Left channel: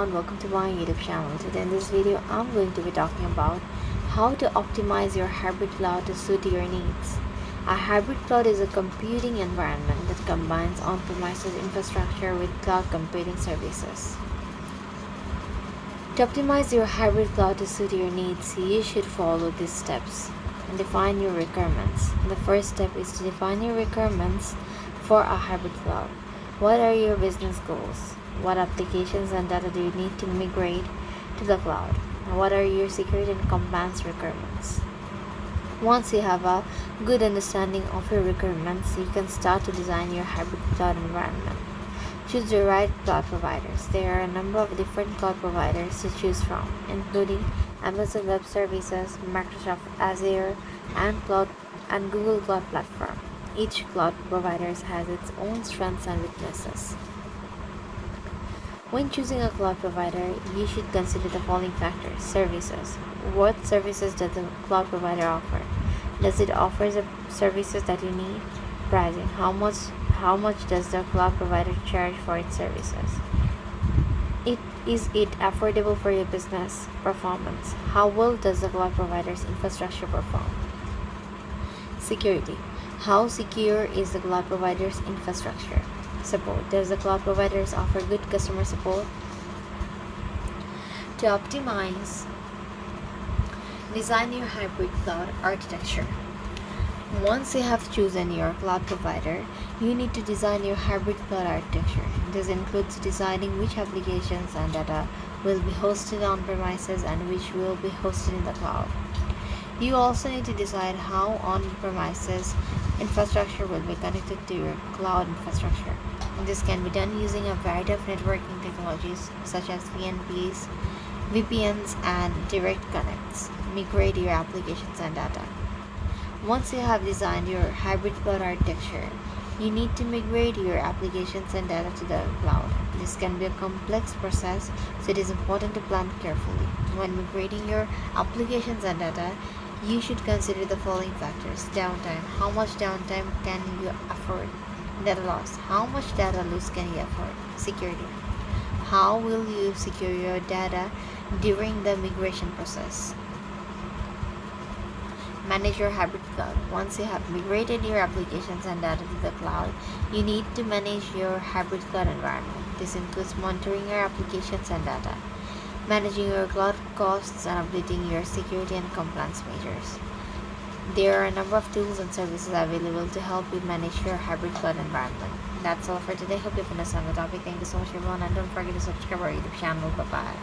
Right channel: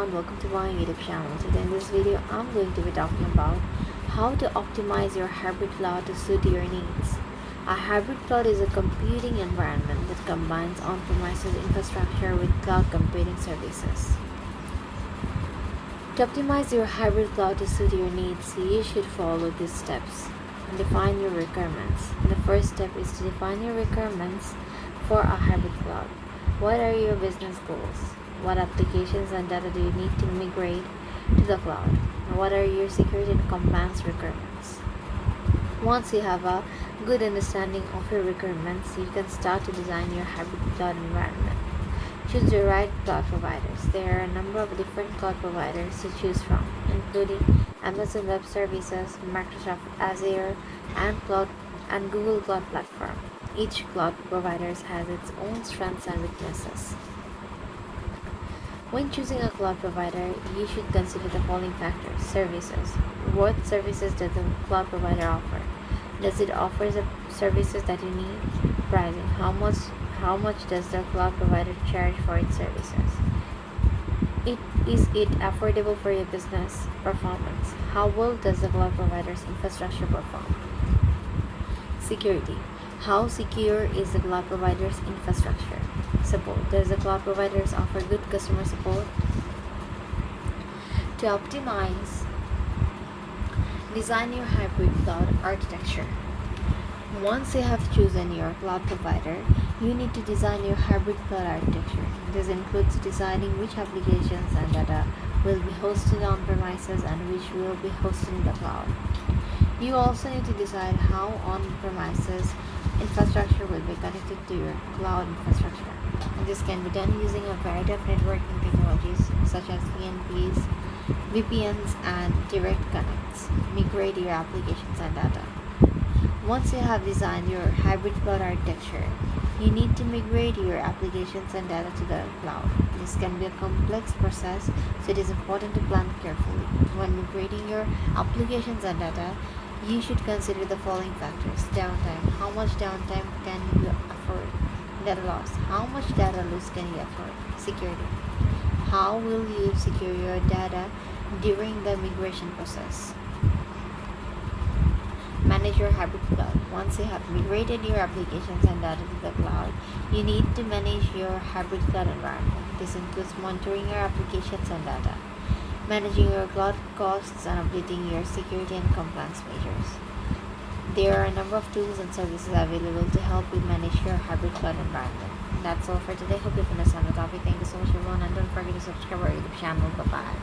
everyone, welcome to my YouTube channel. Today in this video I'm going to be talking about how to optimize your hybrid cloud to suit your needs. A hybrid cloud is a computing environment that combines on-premises infrastructure with cloud computing services. To optimize your hybrid cloud to suit your needs, you should follow these steps. Define your requirements. The first step is to define your requirements for a hybrid cloud. What are your business goals? What applications and data do you need to migrate to the cloud? What are your security and compliance requirements? Once you have a good understanding of your requirements, you can start to design your hybrid cloud environment. Choose the right cloud providers. There are a number of different cloud providers to choose from, including Amazon Web Services, Microsoft Azure, and Google Cloud Platform. Each cloud provider has its own strengths and weaknesses. When choosing a cloud provider, you should consider the following factors. Services. What services does the cloud provider offer? Does it offer the services that you need? Pricing. How much does the cloud provider charge for its services? Is it affordable for your business? Performance. How well does the cloud provider's infrastructure perform? Security. How secure is the cloud provider's infrastructure? Support. Does the cloud providers offer good customer support? To optimize, design your hybrid cloud architecture. Once you have chosen your cloud provider, you need to design your hybrid cloud architecture. This includes deciding which applications and data will be hosted on premises and which will be hosted in the cloud. You also need to decide how on-premises infrastructure will be connected to your cloud infrastructure. This can be done using a variety of networking technologies such as VNPs, VPNs, and direct connects. Migrate your applications and data. Once you have designed your hybrid cloud architecture, you need to migrate your applications and data to the cloud. This can be a complex process, so it is important to plan carefully. When migrating your applications and data, you should consider the following factors. Downtime. How much downtime can you afford? Data loss. How much data loss can you afford? Security. How will you secure your data during the migration process? Manage your hybrid cloud. Once you have migrated your applications and data to the cloud, you need to manage your hybrid cloud environment. This includes monitoring your applications and data, managing your cloud costs, and updating your security and compliance measures. There are a number of tools and services available to help you manage your hybrid cloud environment. That's all for today. Hope you understand the topic. Thank you so much everyone, and don't forget to subscribe our YouTube channel. Bye bye.